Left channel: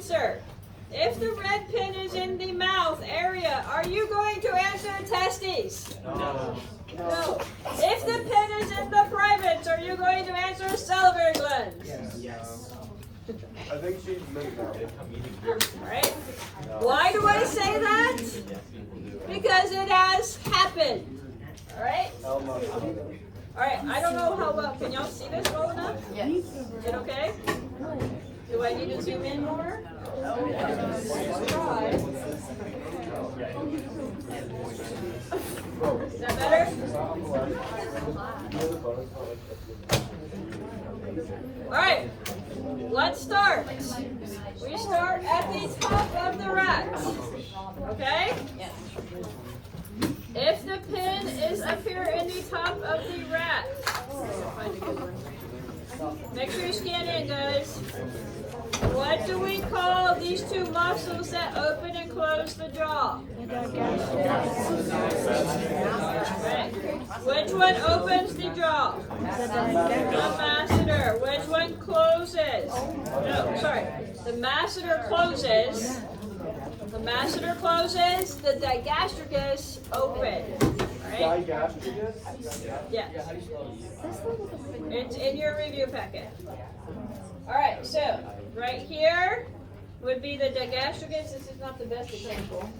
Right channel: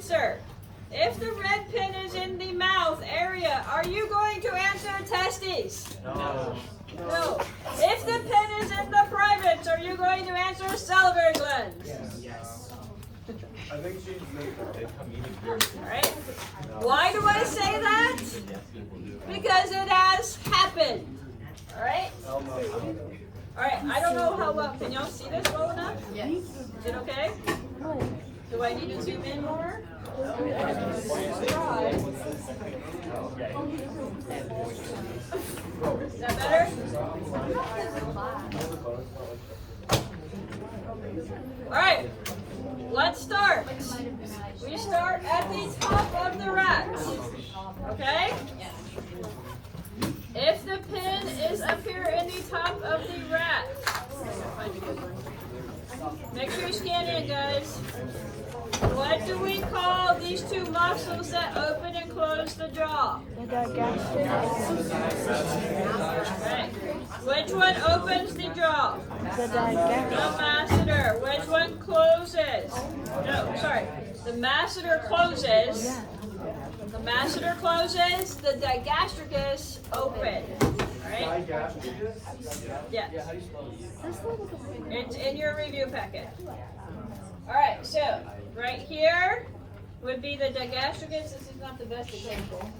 answer. If the red pin is in the mouth area, are you going to answer the testes? No. No. If the pin is in the privates, are you going to answer salivary glands? Yes. I think she's Alright. Why do I say that? Because it has happened. Alright? Alright, I don't know how well. Can y'all see this well enough? Yes. Is it okay? Do I need to zoom in more? Is that better? Alright, let's start. We start at the top of the rat. Okay? If the pin is up here in the top of the rat, make sure you scan in, guys. What do we call these two muscles that open and close the jaw? Right. Which one opens the jaw? The masseter. Which one closes? No, sorry. The masseter closes. The masseter closes. The digastricus opens. Right? Yeah. It's in your review packet. Alright, so right here would be the digastricus. This is not the best example,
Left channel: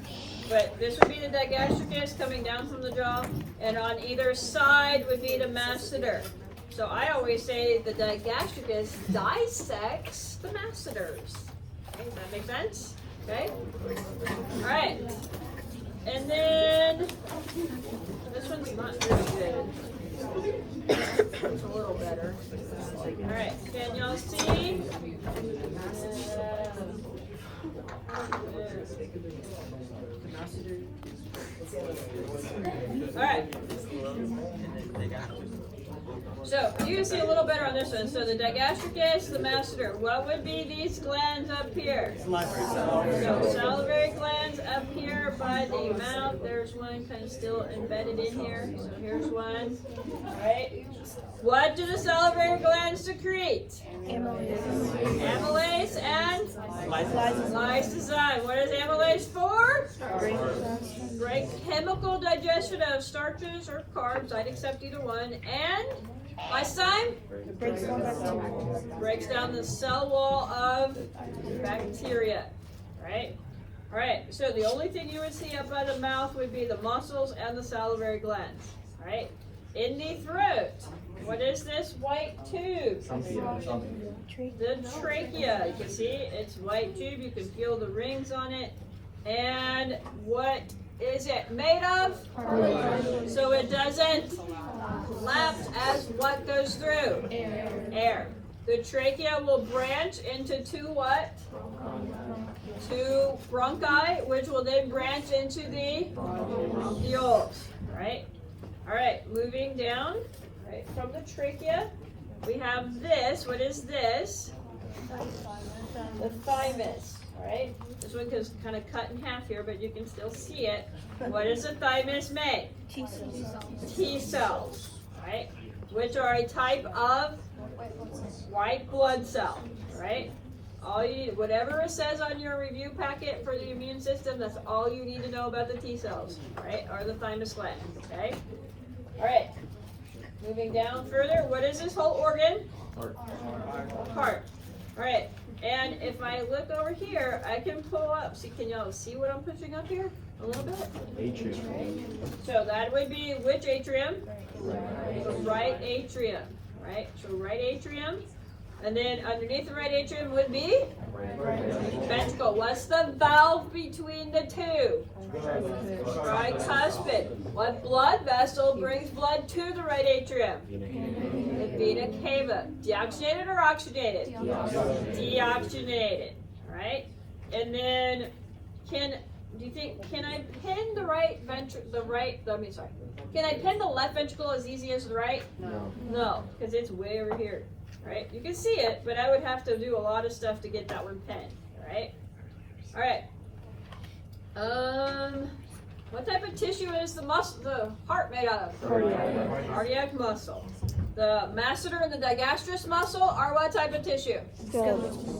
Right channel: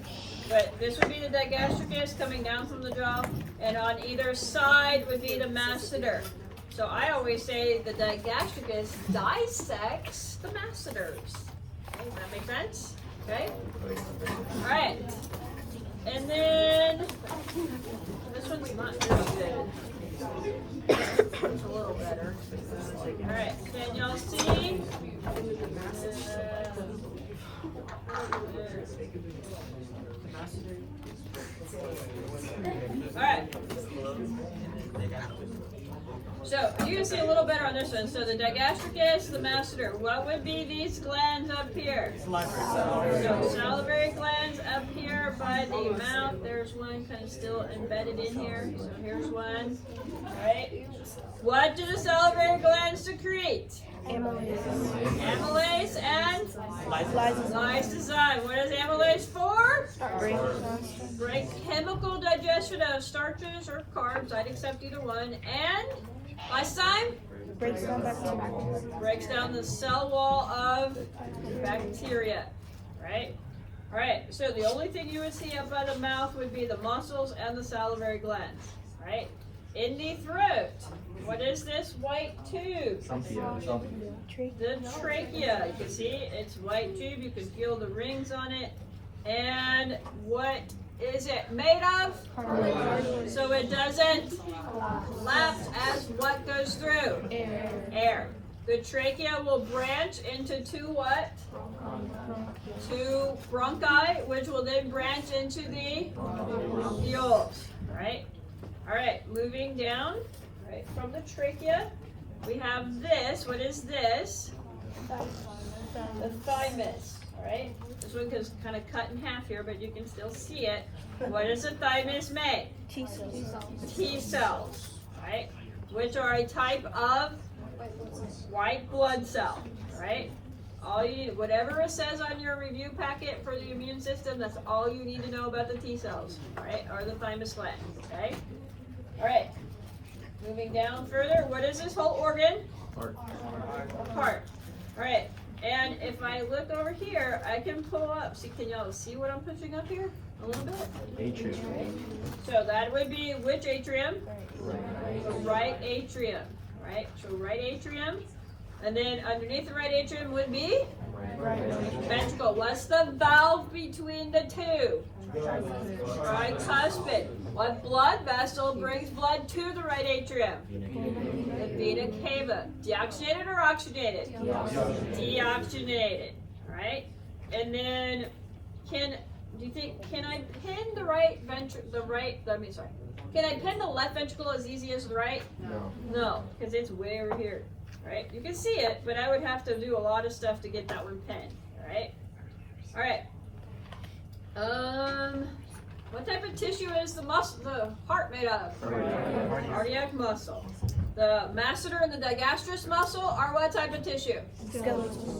but this would be the digastricus coming down from the jaw, and on either side would be the masseter. So I always say the digastricus dissects the masseters. Okay, does that make sense? Okay? Alright. And then this one's not very good. It's a little better. Alright, can y'all see? Alright. So you can see a little better on this one. So the digastricus, the masseter. What would be these glands up here? So salivary glands up here by the mouth. There's one kind of still embedded in here. So here's one. Alright. What do the salivary glands secrete? Amylase and lysozyme. What is amylase for? Break chemical digestion of starches or carbs. I'd accept either one. And lysozyme breaks down the cell wall of bacteria. Right? Alright, so the only thing you would see up by the mouth would be the muscles and the salivary glands. Right? In the throat, what is this white tube? The trachea. You can see it's white tube. You can feel the rings on it. And what is it made of? So it doesn't collapse as what goes through? Air. The trachea will branch into two what? Two bronchi, which will then branch into the alveoles. Right? All right, moving down. Right, from the trachea, we have this. What is this? The thymus. All right, this one is kind of cut in half here, but you can still see it. What does the thymus make? T cells. Right, which are a type of white blood cell. Right. All you need, whatever it says on your review packet for the immune system, that's all you need to know about the T cells. Right, or the thymus gland. Okay. All right. Moving down further, what is this whole organ? Heart. All right. And if I look over here, I can pull up. See, can y'all see what I'm pushing up here? A little bit? Atrium. So that would be which atrium? The right atrium. Right? So right atrium. And then underneath the right atrium would be ventricle. What's the valve between the two? Tricuspid. What blood vessel brings blood to the right atrium? The vena cava. Deoxygenated or oxygenated? Deoxygenated. Right? And then can I pin the right ventricle? Can I pin the left ventricle as easy as the right? No, because it's way over here. Right? You can see it, but I would have to do a lot of stuff to get that one pinned. Right? All right. What type of tissue is the heart made out of? Cardiac muscle. The masseter and the digastrous muscle are what type of tissue?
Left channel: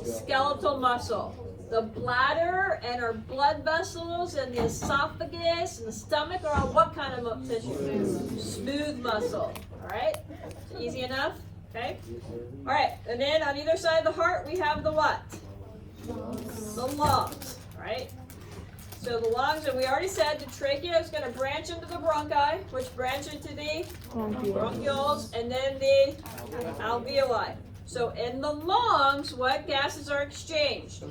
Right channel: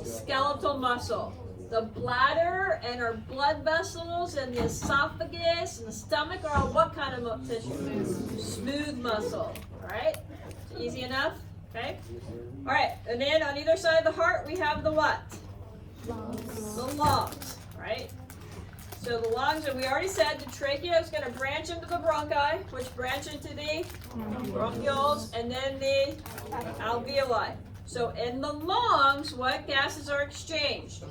Skeletal muscle. The bladder and our blood vessels and the esophagus and the stomach are all what kind of tissue? Smooth muscle. All right? Easy enough? Okay? All right, and then on either side of the heart, we have the what? The lungs, right? So the lungs, and we already said the trachea is going to branch into the bronchi, which branch into the bronchioles, and then the alveoli. So in the lungs, what gases are exchanged?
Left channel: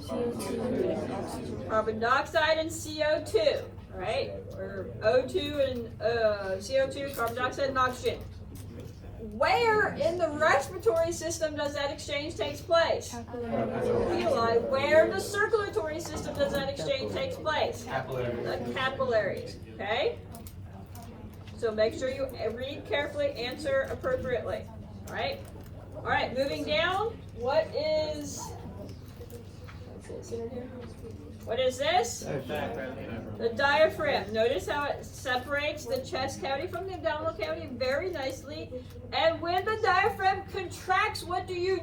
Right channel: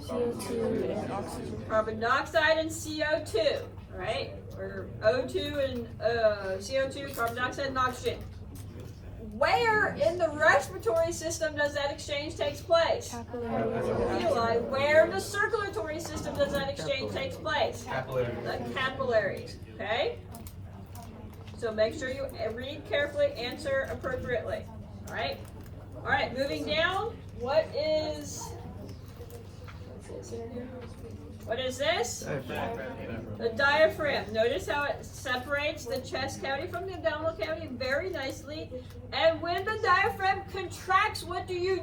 Carbon dioxide and CO2, right? Or O2 and CO2, carbon dioxide and oxygen. Where in the respiratory system does that exchange take place? Alveoli. Where in the circulatory system does that exchange take place? The capillaries. Okay? So make sure you read carefully, answer appropriately. All right? All right, moving down. What is this? The diaphragm. Notice how it separates the chest cavity from the abdominal cavity very nicely. And when the diaphragm contracts, what do?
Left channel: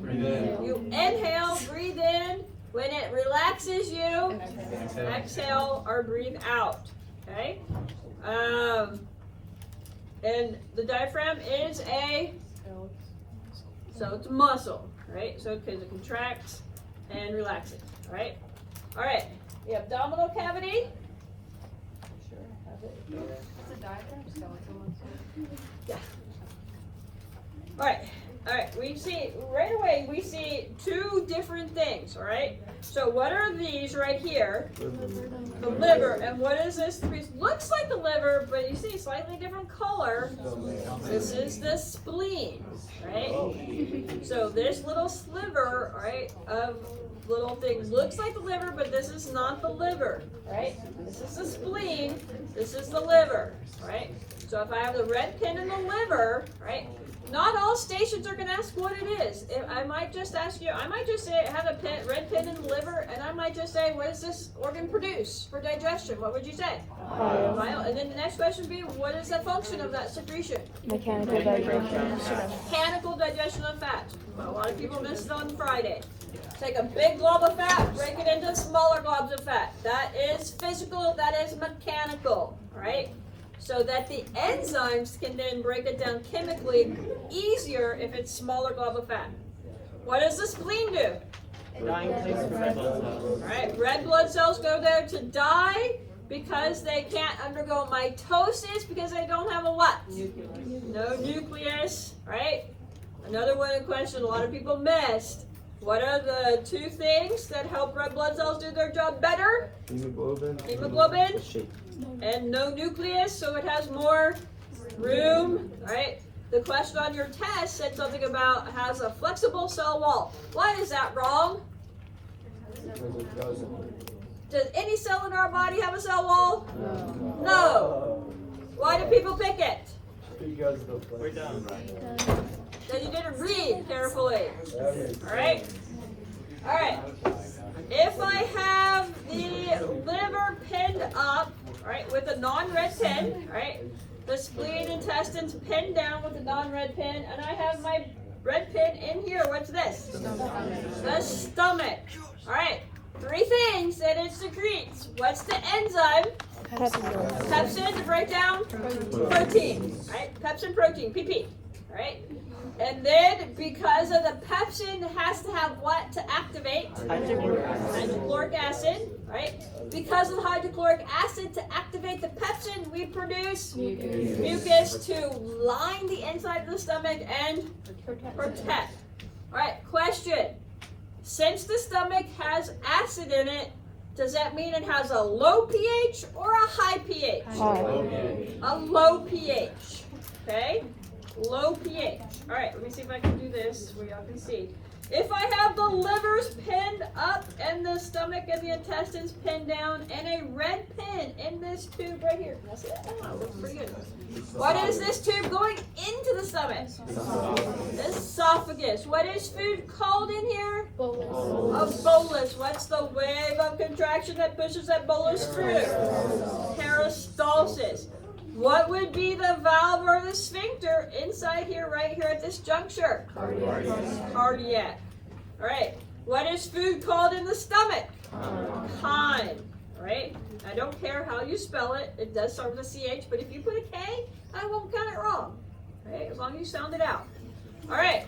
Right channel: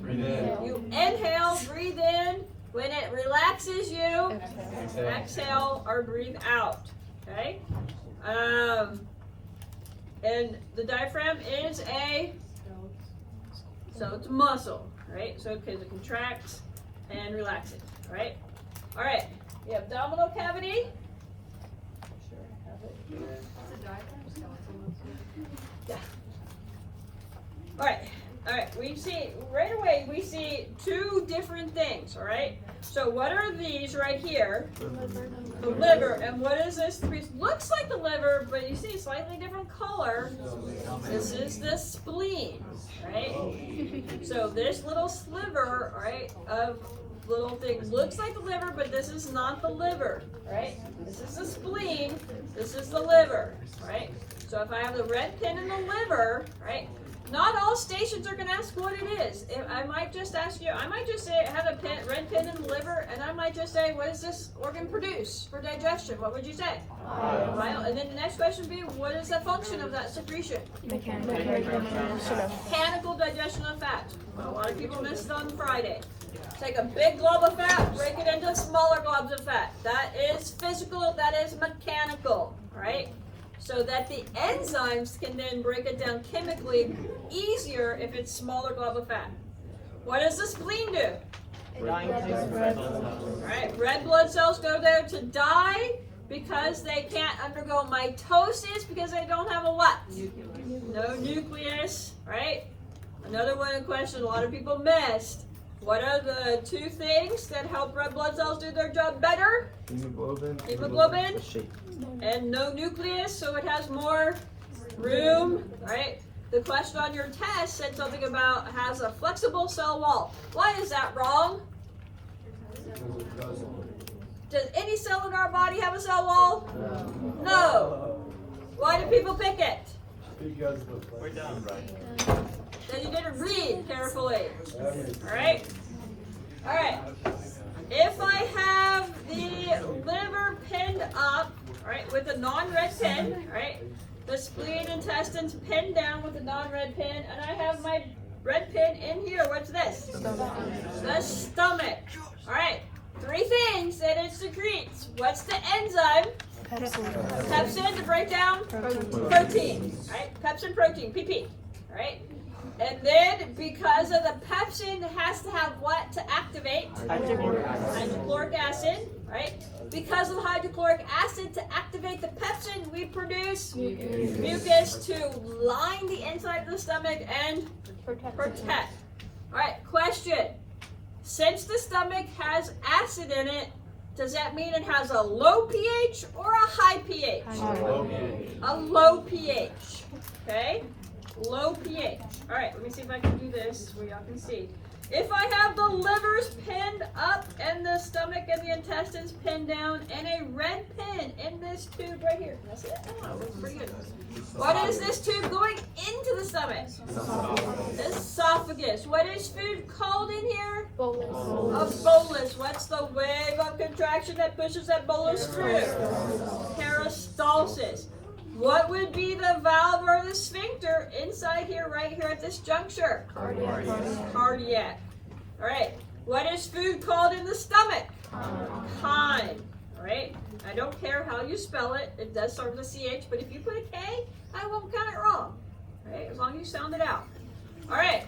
Breathe in. You inhale, breathe in. When it relaxes, you exhale or breathe out. Okay? And the diaphragm is it's a muscle, right? So because it contracts and relaxes, right? All right, the abdominal cavity. Yeah. All right. We see right away. We see two different things. All right. So what are these right here? The liver. And what is this? It looks like the liver, but you see slightly different color. This is the spleen, right? So this little sliver, right, of little thing looks like the liver, but this is not the liver, right? This is the spleen. This is the liver, right? So if I have the red pin in the liver, right? Not all stations are going to ask what it is. I might just ask you, I might just say, have a red pin in the liver, and I might just say, what does this organ produce for digestion? What would you say? Bile. And then the next question would be, what is the function of that secretion? Mechanical digestion. Mechanical digestion of fat. A lot of people missed it on Friday. Take a big glob of fat, break it into smaller globs of fat. That is physical, that is mechanical, right? So that the enzymes can then break it down chemically easier if it's smaller glob of fat. What does the spleen do? Right, red blood cells go there to die because they can't undergo mitosis because they don't have a what? No nucleus, right? Another one in question a lot of people missed. What are the two things that help red blood cells do their job better? Hemoglobin. And no nucleus, so it has more room, right? The question on your test said something about has a flexible cell wall. Why is that wrong? Does any cell in our body have a cell wall? No. Why do people pick it? We're down. Then you didn't read carefully. Alright? Alright. If I have the liver pinned up, right, with a non-red pin, right, the spleen, intestines pinned down with a non-red pin, and I have my red pin in here. What's this? The stomach. All right, three things that it secretes. What's the enzyme? Pepsin to break down protein. Right, pepsin protein, PP. All right. And then, because of the pepsin, it has to have what to activate? Hydrochloric acid, right? Because of the hydrochloric acid to activate the pepsin, we produce mucus to line the inside of the stomach and protect. All right, question. Since the stomach has acid in it, does that mean it has a low pH or a high pH? A low pH, okay? Low pH. All right, let me see if I can do this where y'all can see. If I have the livers pinned up and the stomach and the intestines pinned down and a red pin in this tube right here. Can I see that? Oh, looks pretty good. What is this tube going into the stomach? Esophagus. What is food called in here? A bolus. What's the wave of contraction that pushes that bolus through? Peristalsis. What would be the valve or the sphincter inside here, right here at this juncture? Cardiac. All right. What is food called in the stomach? Chyme. Right? I don't care how you spell it. It does start with a CH, but if you put a K, I won't count it wrong. Right? As long as you sound it out. All right.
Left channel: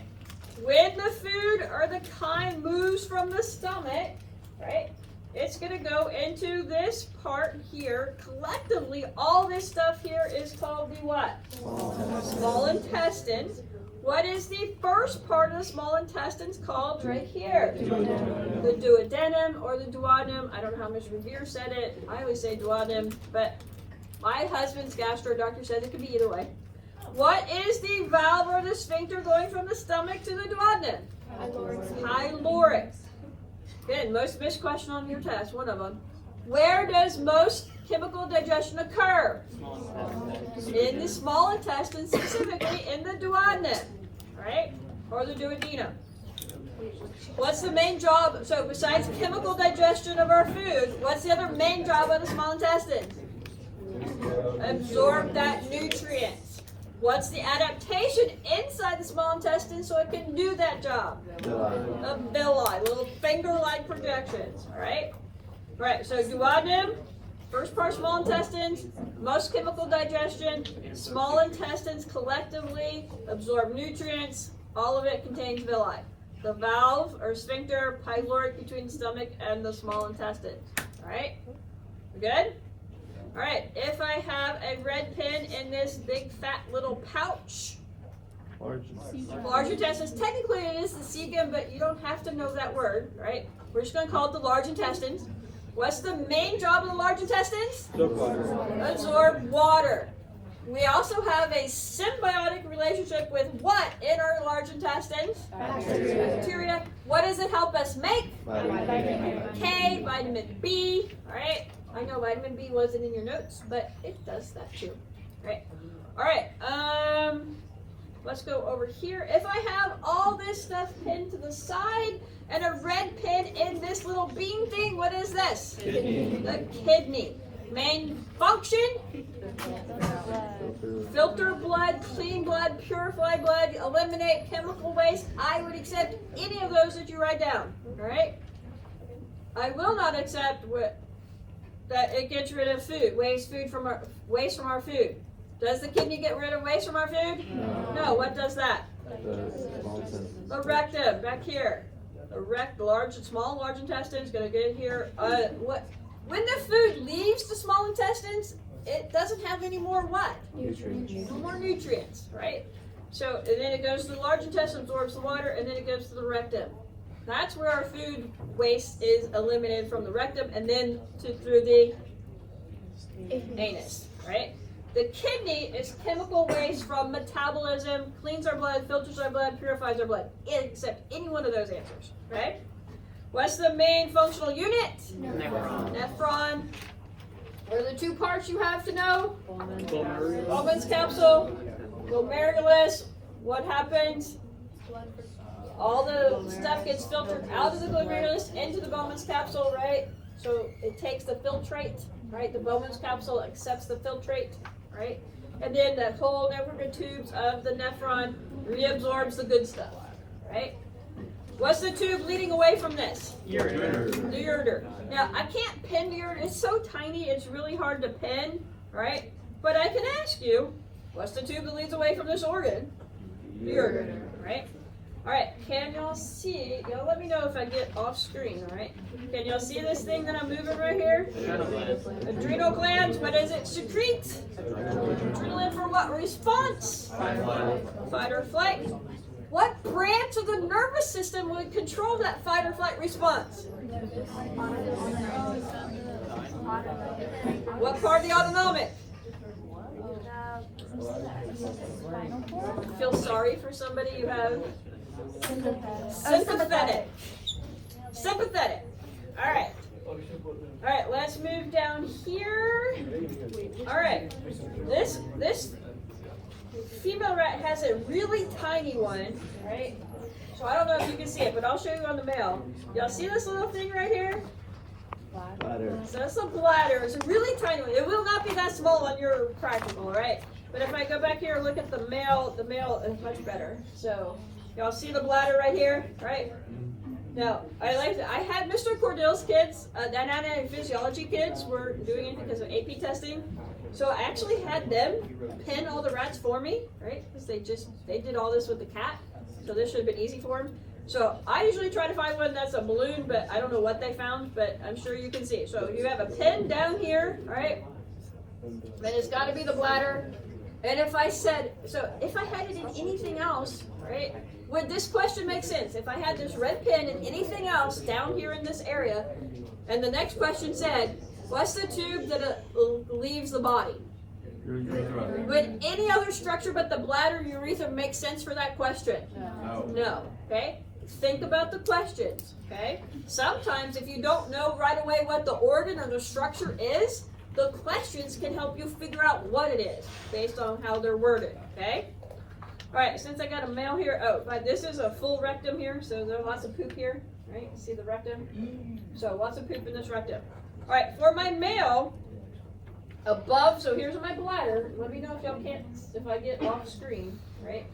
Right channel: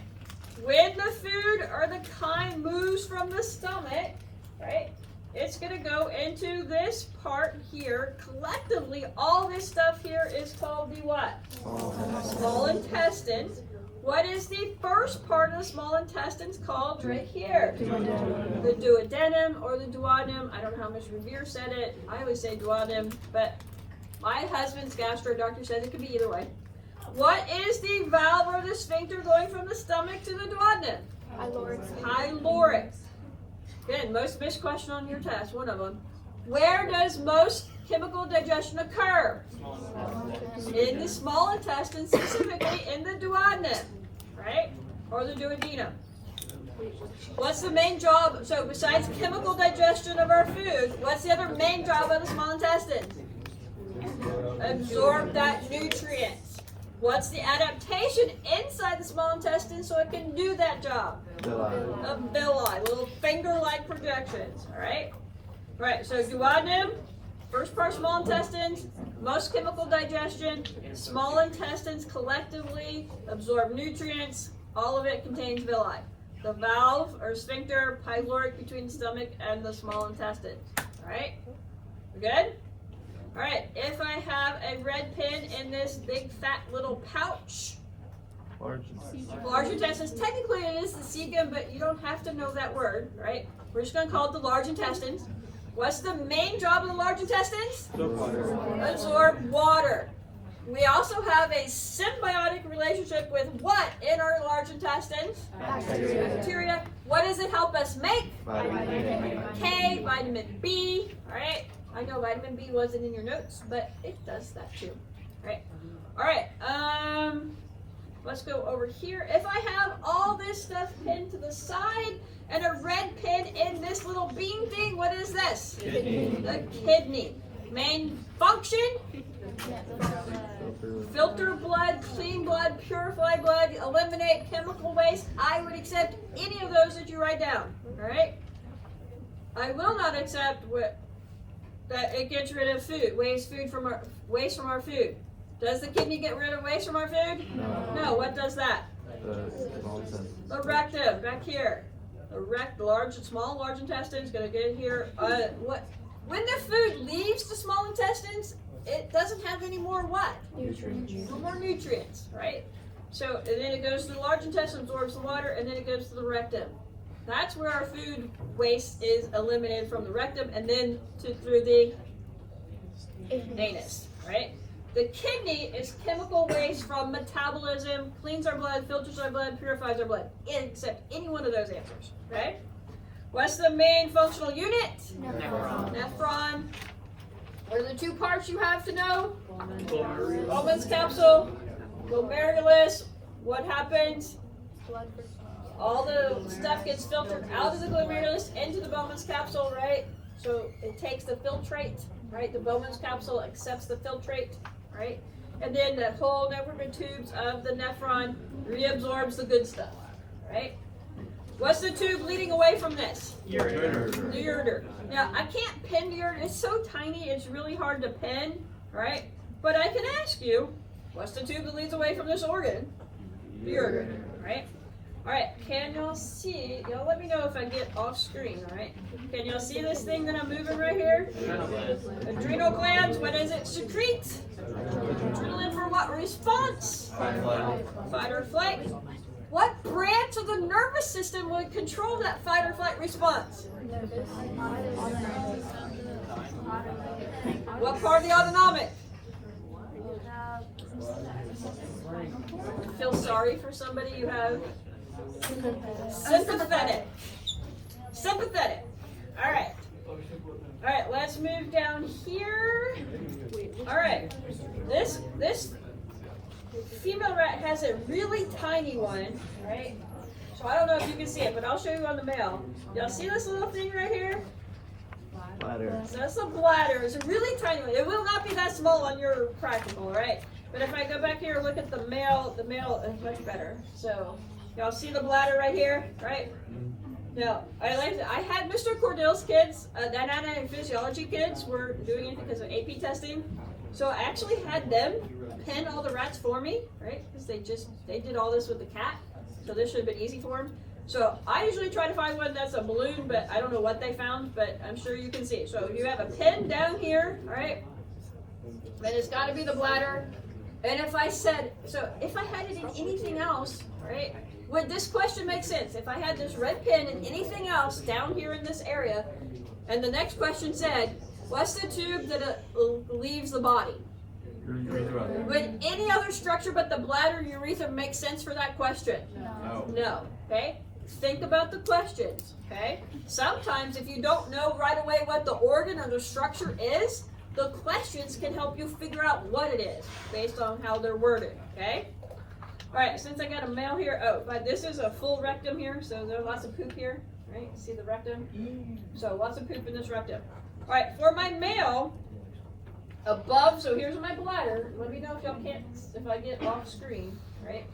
When the food or the chyme moves from the stomach, right, it's going to go into this part here. Collectively, all this stuff here is called the what? Small intestine. What is the first part of the small intestines called right here? The duodenum or the duodenum. I don't know how Mr. Revere said it. I always say duodenum, but my husband's gastro doctor said it could be either way. What is the valve or the sphincter going from the stomach to the duodenum? Pylorus. Again, most missed question on your test, one of them. Where does most chemical digestion occur? In the small intestine, specifically in the duodenum, right? Or the duodenum. What's the main job? So besides chemical digestion of our food, what's the other main job of the small intestine? Absorb that nutrient. What's the adaptation inside the small intestine so it can do that job? Of villi, little finger-like projections, all right? All right, so duodenum, first part small intestines, most chemical digestion, small intestines collectively absorb nutrients, all of it contains villi. The valve or sphincter, pyloric between the stomach and the small intestine, all right? We good? All right, if I have a red pen in this big fat little pouch, large intestines, technically it is the cecum, but you don't have to know that word, right? We're just going to call it the large intestines. What's the main job of the large intestines? Absorb water. We also have a symbiotic relationship with what in our large intestines? Bacteria. What does it help us make? Vitamin K, vitamin B, all right? I know vitamin B wasn't in your notes, but it does that too. All right. Let's go over here. If I have all this stuff pinned to the side and a red pin in this little bean thing, what is this? Kidney. The kidney. Main function? Filter blood, clean blood, purify blood, eliminate chemical waste. I would accept any of those that you write down. All right. I will not accept that it gets rid of food, waste from our food. Does the kidney get rid of waste from our food? No. What does that? The rectum, back here. The large intestine is going to get here. When the food leaves the small intestines, it doesn't have any more what? Nutrients. No more nutrients, right? So, and then it goes to the large intestine, absorbs the water, and then it goes to the rectum. That's where our food waste is eliminated from the rectum and then through the anus, right? The kidney is chemical waste from metabolism, cleans our blood, filters our blood, purifies our blood. Except any one of those answers, right? What's the main functional unit? Nephron. What are the two parts you have to know? Bowman's capsule, glomerulus. What happens? All the stuff gets filtered out of the glomerulus into the Bowman's capsule, right? So it takes the filtrate, right? The Bowman's capsule accepts the filtrate, right? And then that whole network of tubes of the nephron reabsorbs the good stuff, right? What's the tube leading away from this? Ureter. The ureter. Now, I can't pin the ureter. It's so tiny, it's really hard to pin, right? But I can ask you, what's the tube that leads away from this organ? The ureter, right? All right, can y'all see? Y'all let me know if I get off screen, all right? Can y'all see this thing that I'm moving right here? Adrenal glands, what does it secrete? Adrenaline for what response? Fight or flight. What branch of the nervous system would control that fight or flight response? What part of the autonomic? Feel sorry for somebody you have? Sympathetic. Sympathetic. All right. All right, let's move down here. All right. This female rat has a really tiny one, right? So I don't know if you can see it, but I'll show you on the male. Y'all see this little thing right here? Bladder. So that's a bladder. It's a really tiny one. It will not be that small on your practical, right? But if I go back here and look at the male is much better. So y'all see the bladder right here, right? Now, I had Mr. Cordell's kids, the anatomy and physiology kids were doing it because of AP testing. So I actually had them pin all the rats for me, right? Because they did all this with the cat. So this should have been easy for them. So I usually try to find one that's a balloon, but I don't know what they found, but I'm sure you can see. So you have a pin down here, right? And it's got to be the bladder. And if I had it in anything else, right? Would this question make sense? If I had this red pin and anything else down here in this area, and the next question said, what's the tube that leaves the body? Urethra. Would any other structure but the bladder urethra make sense for that question? No. No. Okay? Think about the questions. Okay? Sometimes if you don't know right away what the organ or the structure is, the questions can help you figure out what it is based on how they're worded. Okay? Alright, since I got a male here, but this is a full rectum here, so there's lots of poop here. Right? See the rectum? So lots of poop in this rectum. Alright, for my male, above, so here's my bladder. Let me know if y'all can't, if I get off screen, right?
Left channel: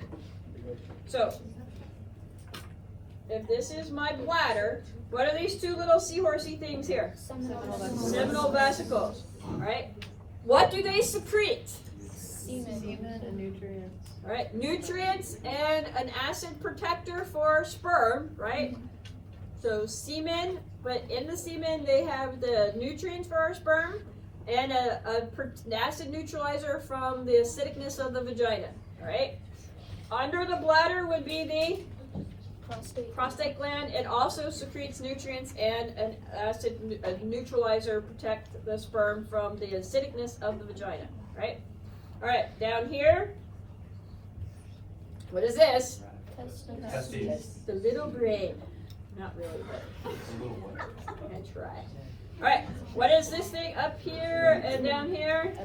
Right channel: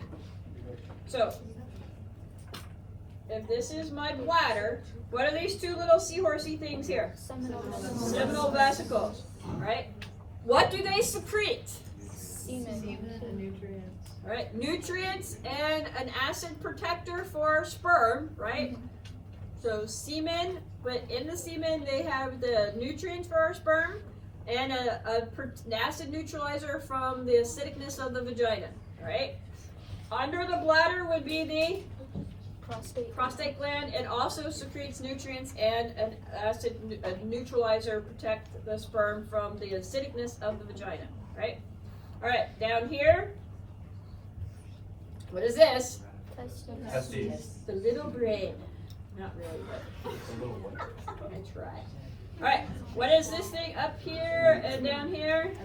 So, if this is my bladder, what are these two little seahorsey things here? Seminal vesicles, right? What do they secrete? Right, nutrients and an acid protector for sperm, right? So semen, but in the semen they have the nutrients for our sperm and an acid neutralizer from the acidicness of the vagina, right? Under the bladder would be the prostate gland. It also secretes nutrients and an acid neutralizer protect the sperm from the acidicness of the vagina, right? All right, down here, what is this? Testes. The little brain. Not really, but I try. All right, what is this thing up here and down here?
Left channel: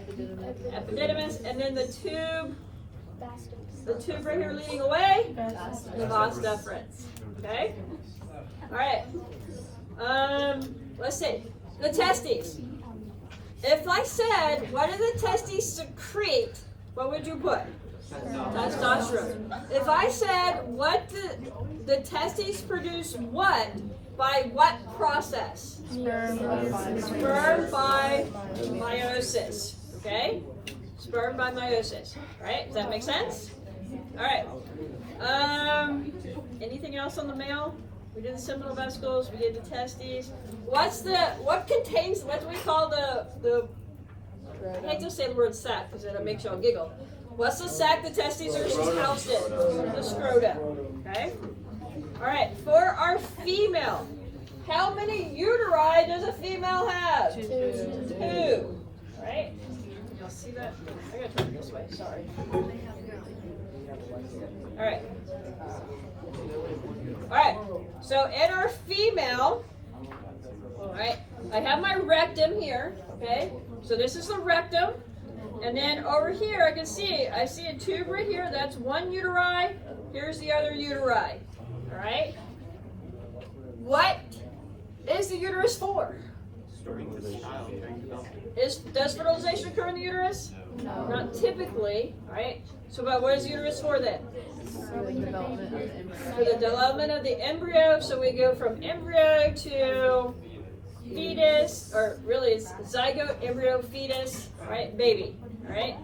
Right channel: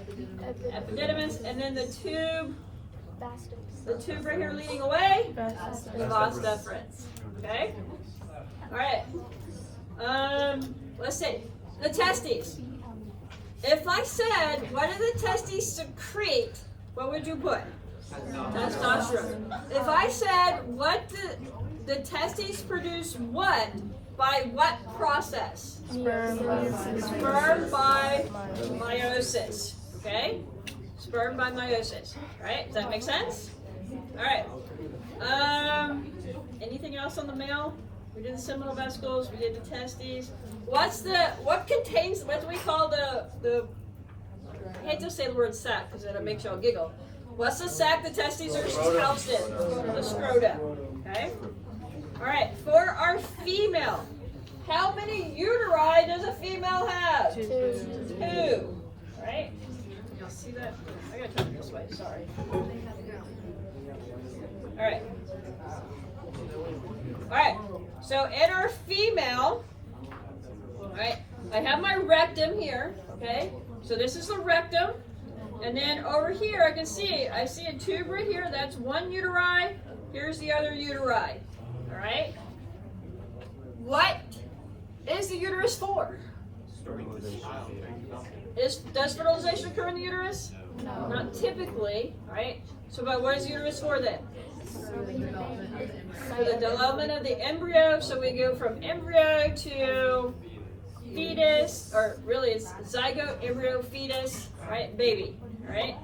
Epididymis, and then the tube right here leading away, the vas deferens. Okay. All right. Let's see. The testes. If I said, what do the testes secrete? What would you put? Testosterone. If I said, what the testes produce what by what process? Sperm by meiosis. Okay? Sperm by meiosis. Right? Does that make sense? All right. Anything else on the male? We did the seminal vesicles. We did the testes. What do we call the? I hate to say the word sac because it'll make y'all giggle. What's the sac the testes are housed in? The scrotum. Okay. All right. For our female, how many uteri does a female have? Two. Right? Y'all see that? I gotta turn it this way. Sorry. All right. All right. So in our female, all right, I have my rectum here. Okay. So this is the rectum. And then over here, I see a tube right here. That's one uteri. Here's the other uteri. All right. What is the uterus for? Does fertilization occur in the uterus? No. Not typically, right? So, but what is the uterus for then? For the development of the embryo. So we go from embryo to fetus, or really it's zygote, embryo, fetus, right? Baby, right?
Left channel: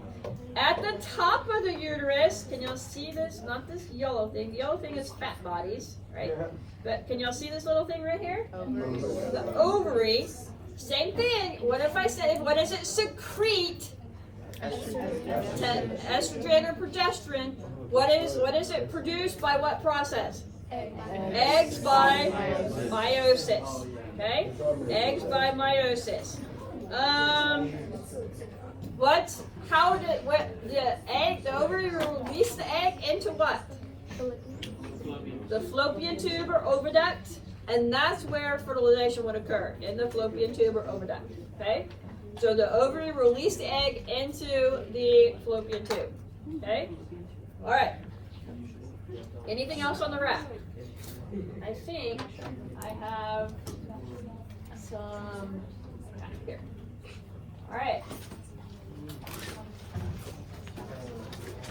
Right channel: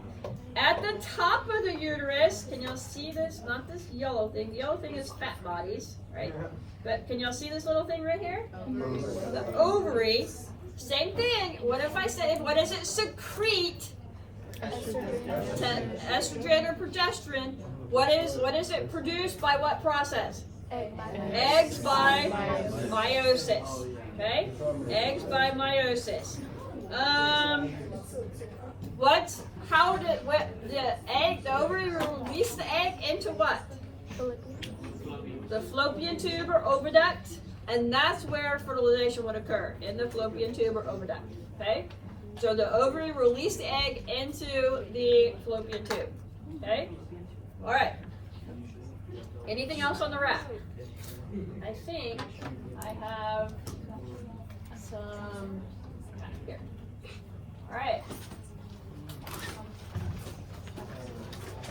At the top of the uterus, can y'all see this? Not this yellow thing. The yellow thing is fat bodies, right? But can y'all see this little thing right here? The ovary. Same thing. What if I said, what does it secrete? Estrogen or progesterone. What is it produced by what process? Eggs by meiosis. Okay? Eggs by meiosis. The ovary release the egg into what? The fallopian tube or oviduct, and that's where fertilization would occur, in the fallopian tube or oviduct. Okay? So the ovary release the egg into the fallopian tube. Okay? Alright. Anything else on the wrap? I think I have some here. Alright.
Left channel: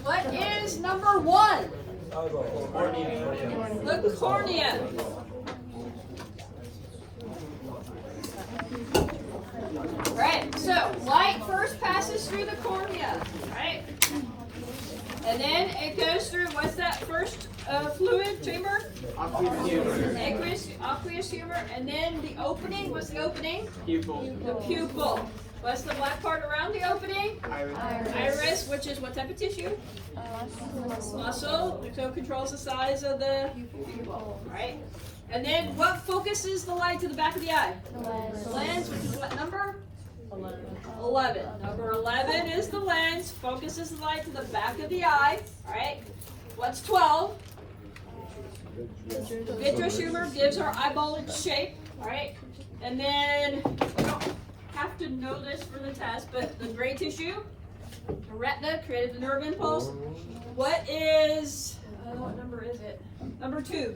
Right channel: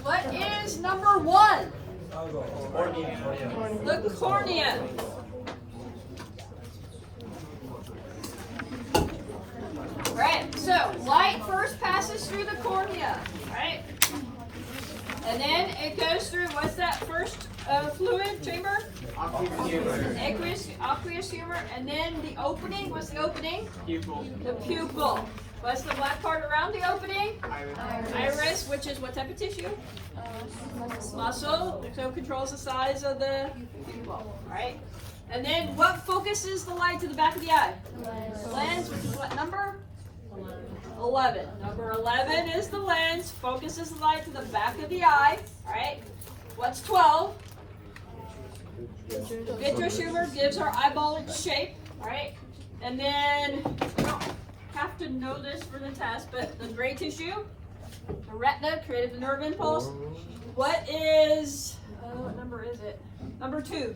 What is number one? The cornea. So light first passes through the cornea, right? And then it goes through, what's that first fluid chamber? Aqueous humor. And then the opening, what's the opening? Pupil. The pupil. What's the black part around the opening? Iris, which is what type of tissue? Muscle, so it controls the size of the pupil, right? And then what focuses the light to the back of the eye? The lens, which is what number? 11. Number 11 is the lens, focuses the light to the back of the eye, right? What's 12? The vitreous humor gives our eyeball its shape, right? And then, you don't have to know this for the test, but the gray tissue, the retina, created the nerve impulse. What is, what number is it? Number 2.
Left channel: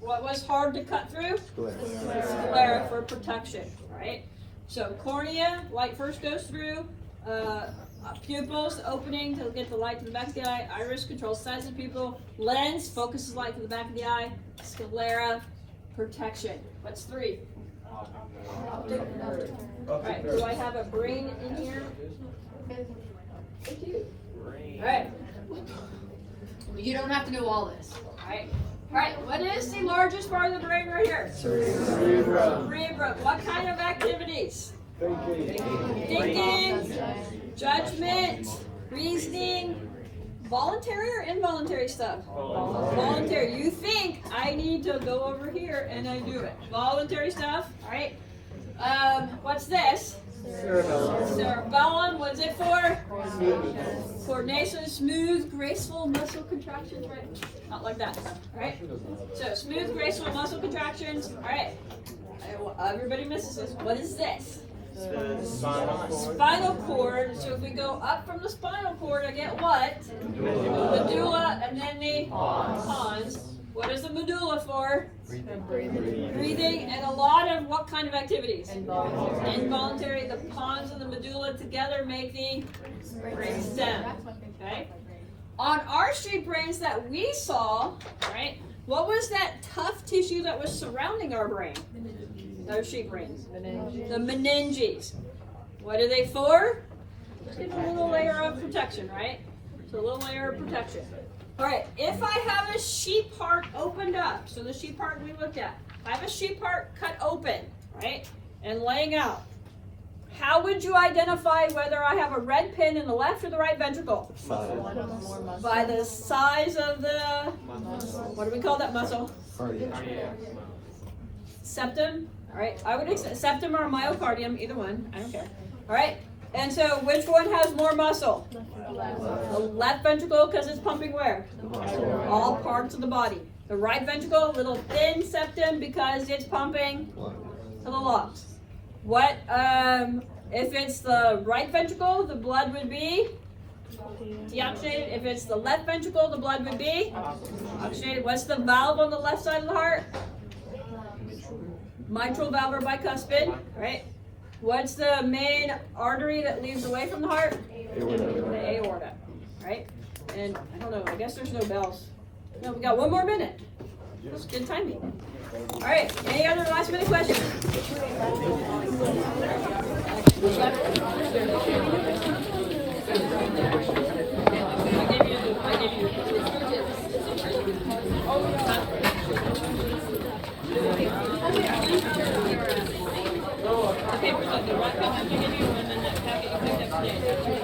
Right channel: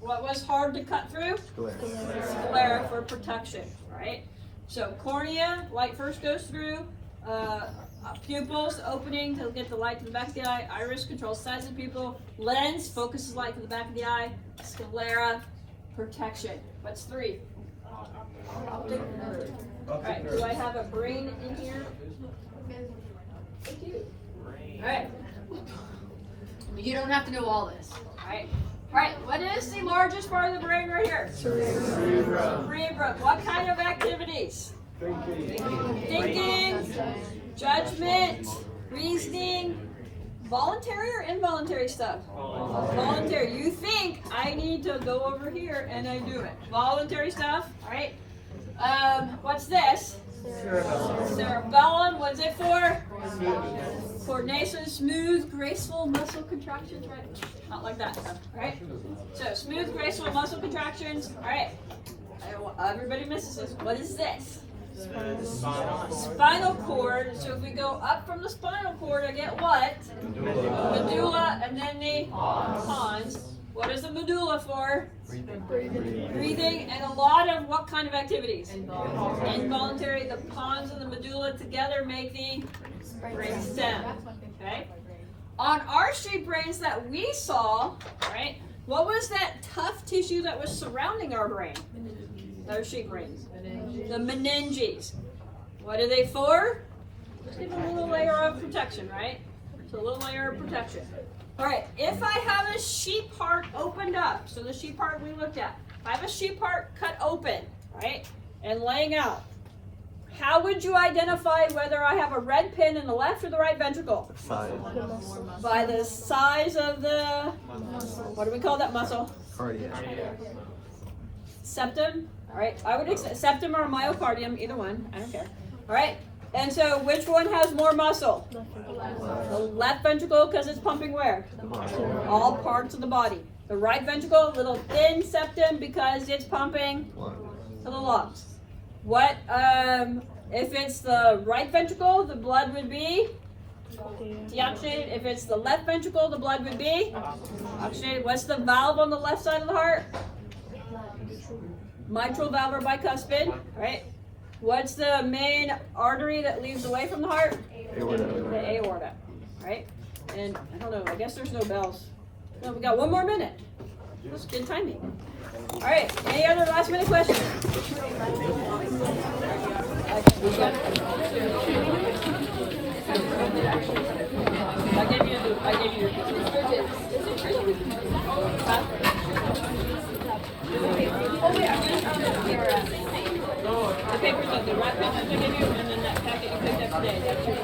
What was hard to cut through? Sclera for protection, right? So cornea, light first goes through. Pupils, opening to get the light to the back of the eye. Iris controls size of the pupil. Lens focuses light to the back of the eye. Sclera, protection. What's 3? Alright, do I have a brain in here? Alright. You don't have to know all this. Alright, what is the largest part of the brain right here? Cerebrum. What kind of activities? Thinking, judgment, reasoning, voluntary or involuntary stuff? Voluntary. You think I need to go over here and I do it. Voluntary stuff, alright? What's this? Cerebellum. What's it for? Coordination, smooth, graceful muscle contractions, right? Not like that, right? So smooth, graceful muscle contractions, alright. Everybody misses this. What is this? Spinal cord. So if we go up from the spinal cord, I get what? Medulla, and then the pons. What is the medulla for? Breathing, and a lot of what kind of activities? Involuntary. The pons and the medulla together make the brain stem. Okay. On our sheep brains that we saw, right? What was that tough tissue that was surrounding our brain? Those sheep brains. The meninges. What are they for? Just give a little layer of protection, right? So a little layer of protection. Alright, if I have a sheep heart opened up, so the sheep heart we looked at, I have a sheep heart cut open, right, and laying out, how would you identify whether I have a red pin in the left or the right ventricle? By the size of the, what do we call that muscle? Cardiac. Septum, alright, I would accept septum or myocardium, either one, I don't care. Alright, and so which one has more muscle? The left ventricle, because it's pumping where? All parts of the body. The right ventricle, little thin septum, because it's pumping to the lungs. What, if it's the right ventricle, the blood would be deoxygenated. If it's the left ventricle, the blood would be oxygenated. What's the valve on the left side of the heart? Mitral valve or bicuspid, right? What's the main artery that leads away from the heart? The aorta, right? And I don't know, I guess there's no bells. No, we got 1 more minute. That's good timing. All right, any other last minute questions? The papers that the right one has to give you, and then that packet you picked up today.